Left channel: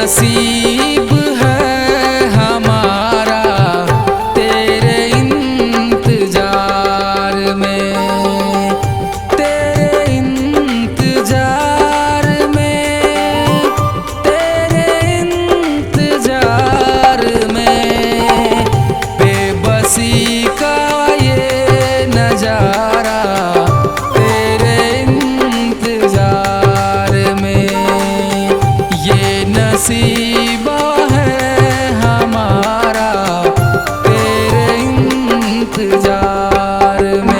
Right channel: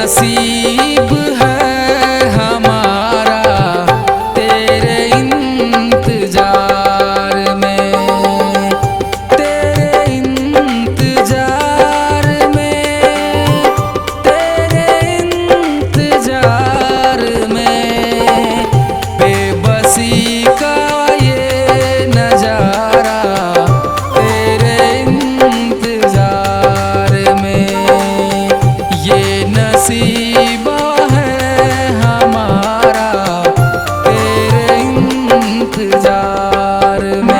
नसीब है हमारा तेरे इंतजार में, तेरे इंतजार में, तेरे इंतजार में। बेबसी का ये नजारा तेरे इंतजार में, ये नसीबा है हमारा तेरे इंतजार में।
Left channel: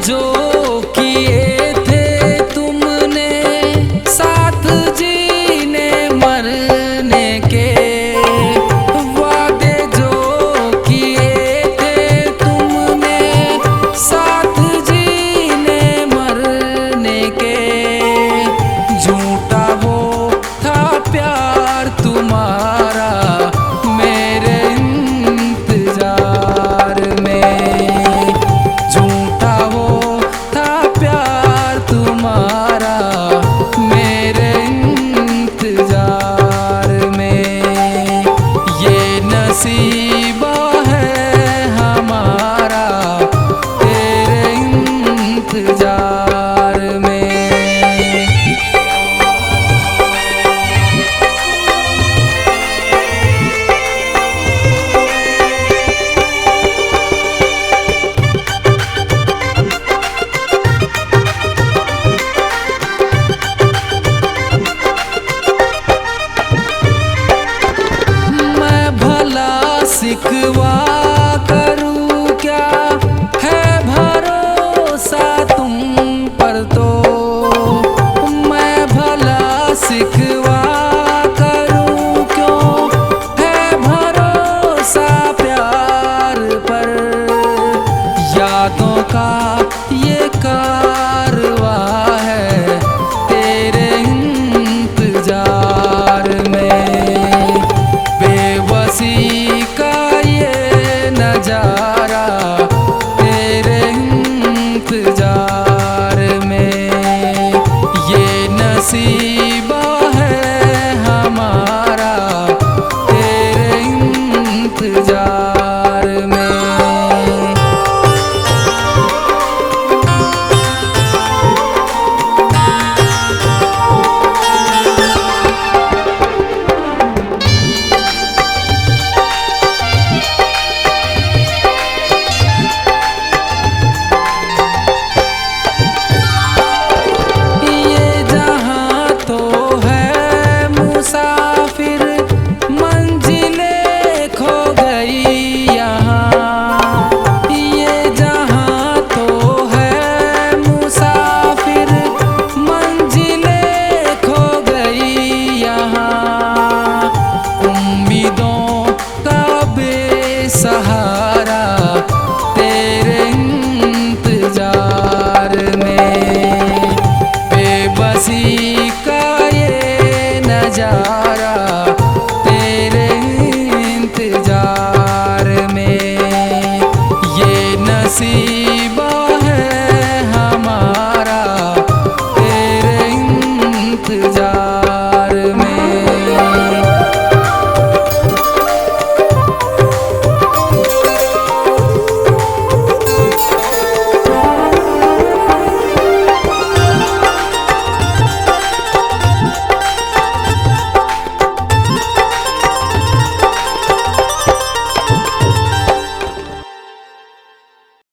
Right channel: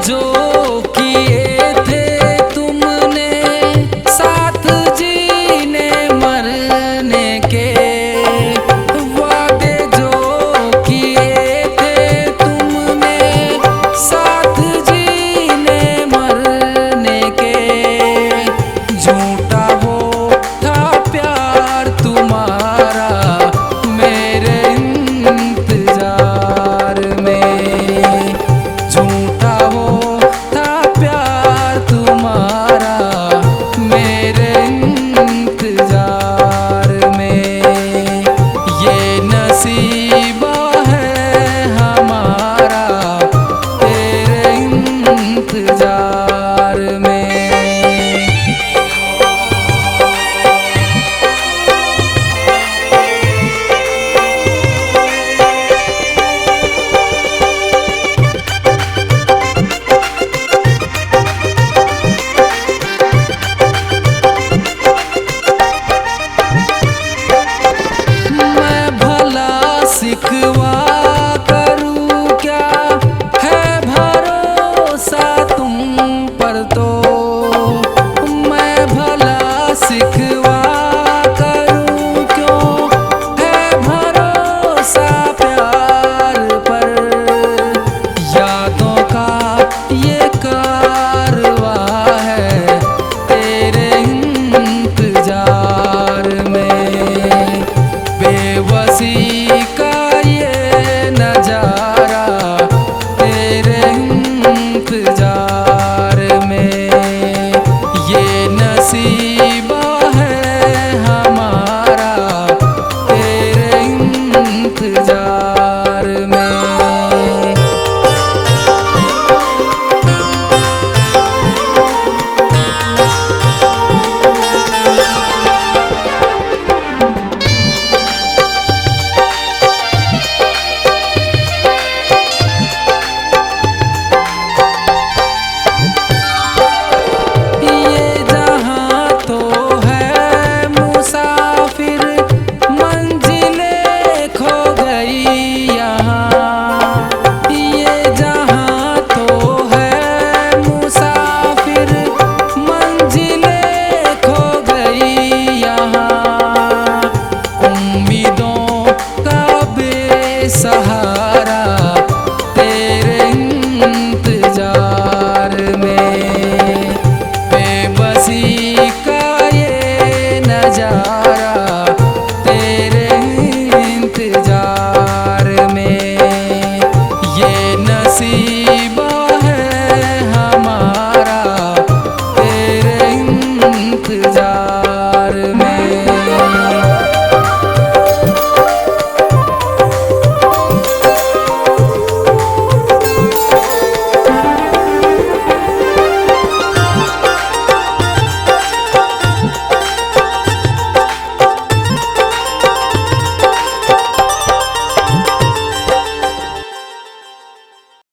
जो किए थे तुमने साथ जीने मरने के, वादे जो किए थे तुमने साथ जीने मरने के। झूठा वो था प्यार तुम्हारा मेरे इंतजार में, झूठा वो था प्यार तुम्हारा मेरे इंतजार में। ये नसीबा है हमारा तेरे इंतजार में। सिकवा करूं क्या है भरोसा तुम पर, तो मैं भला सिकवा करूं क्यों है भरोसा प्यार पर। यादों का ये कारवा है तेरे इंतजार में, बेबसी का ये नजारा तेरे इंतजार में। ये नसीबा है हमारा तेरे इंतजार में। सहारा तेरे इंतजार में, बेबसी का ये नजारा तेरे इंतजार में। ये नसीबा है हमारा तेरे इंतजार